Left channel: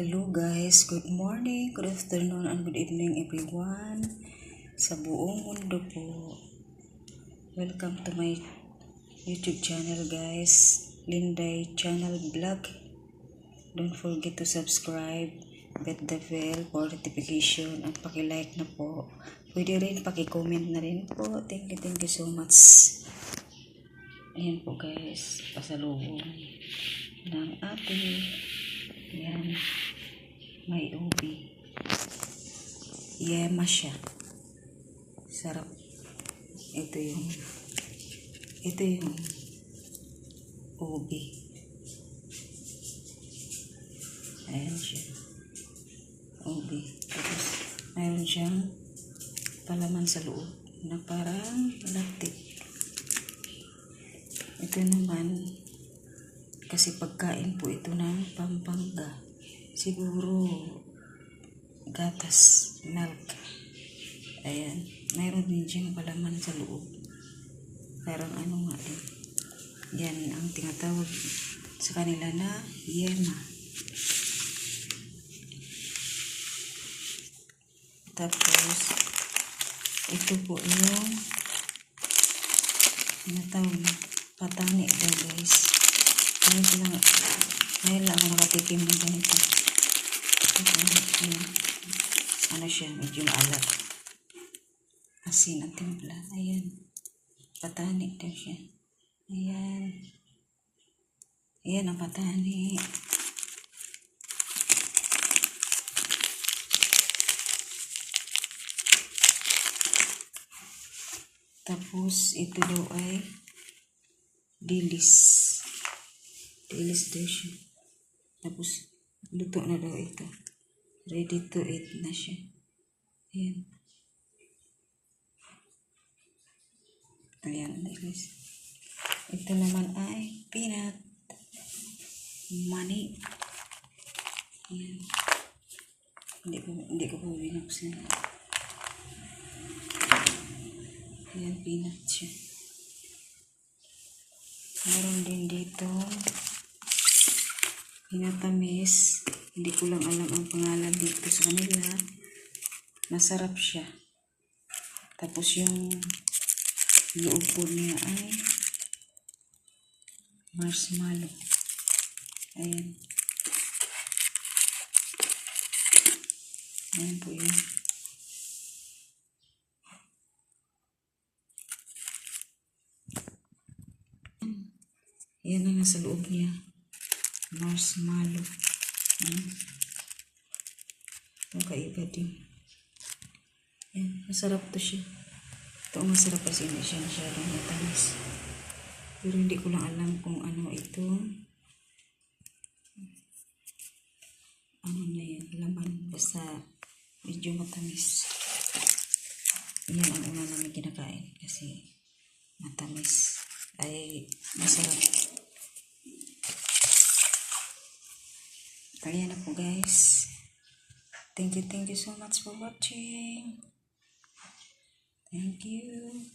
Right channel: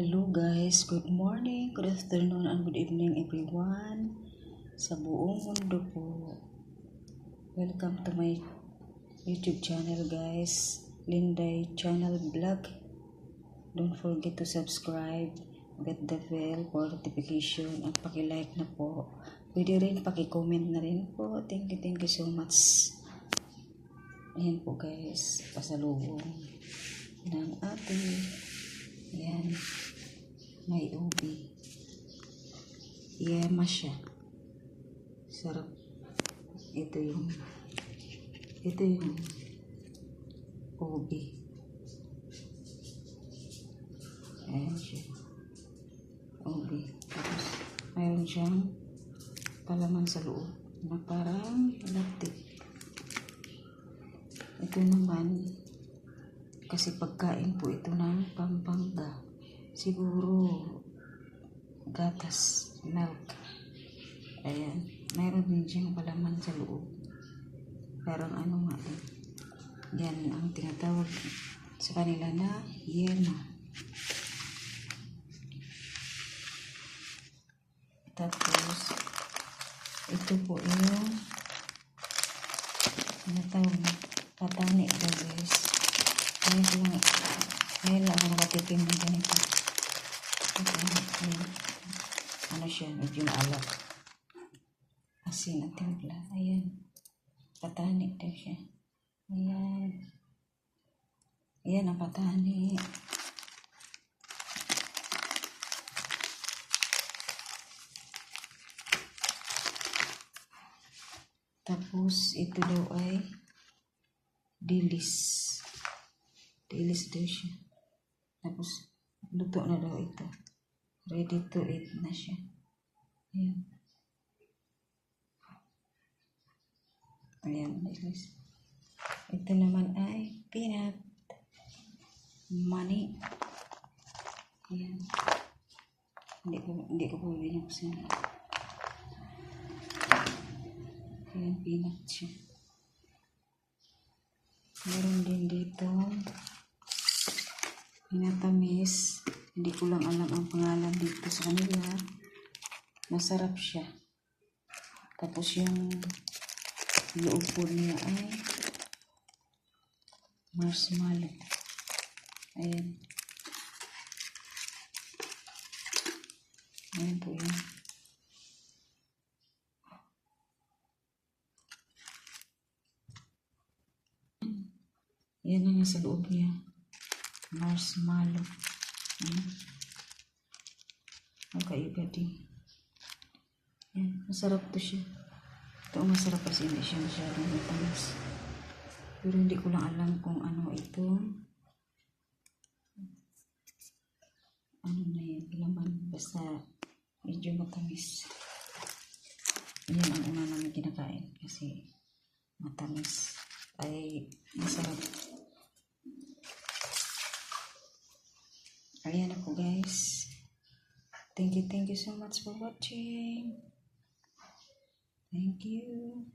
Hello guys, good morning, good afternoon, and good evening everyone sa buong mundo po. Welcome to my YouTube channel guys, Linday Channel Vlog. Don't forget to subscribe, hit the bell for notification, at paki-like na po. Pwede rin paki-comment na rin po. Thank you so much. Ayan po guys, pasalubong ng ate. Ayan, may ubi. Yema siya. Sarap. Ito yung ubi. Ayan siya. Ubi. Tapos, mayroon siyang palaman sa loob na parang laptik. Ito naman, kasi pagkain po ito ng Pampanga. Siguro, gatas, milk. Ayan. Mayroon din siyang palaman sa loob. Parang ano nga din. Yan ang tinatawag sa kanila na yema. Tapos, ito po yung tinatawag na patani daw guys. Ngayon lang ako nakatikim ng ganito. Ayan. Ano siya, medyo maalat. Asin ang timpla. Ayan. Patani daw siya. Ayan. Ayan ang patani. Tapos, ito daw ay dilis. Dilis daw siya. Tapos, luto na daw ito. Ready to eat na siya. Ayan. Ayan, dilis. Ito naman ay peanut. Money. Ayan. Hindi ko po binuksan. Ayan, peanut siya. Meron din dito pinatamis. Hindi ko lang alam ang pangalan dito sa kanila. Masarap siya. Tapos yung loob po niya ay marshmallow. Ayan. Ayan po yun. Ayan ang nasa loob niya. Marshmallow. Ang kaiba din. Ayan. Masarap to siya. Ito ang masarap kasi hindi siya masyadong matamis. Pero hindi ko lang alam kung ano ito. Ano na yan, laman. Basta medyo matamis. Yan ang una namin kinakain. Kasi matamis. Ay masarap. Kaya na po guys. Thank you so much for watching. Thank you.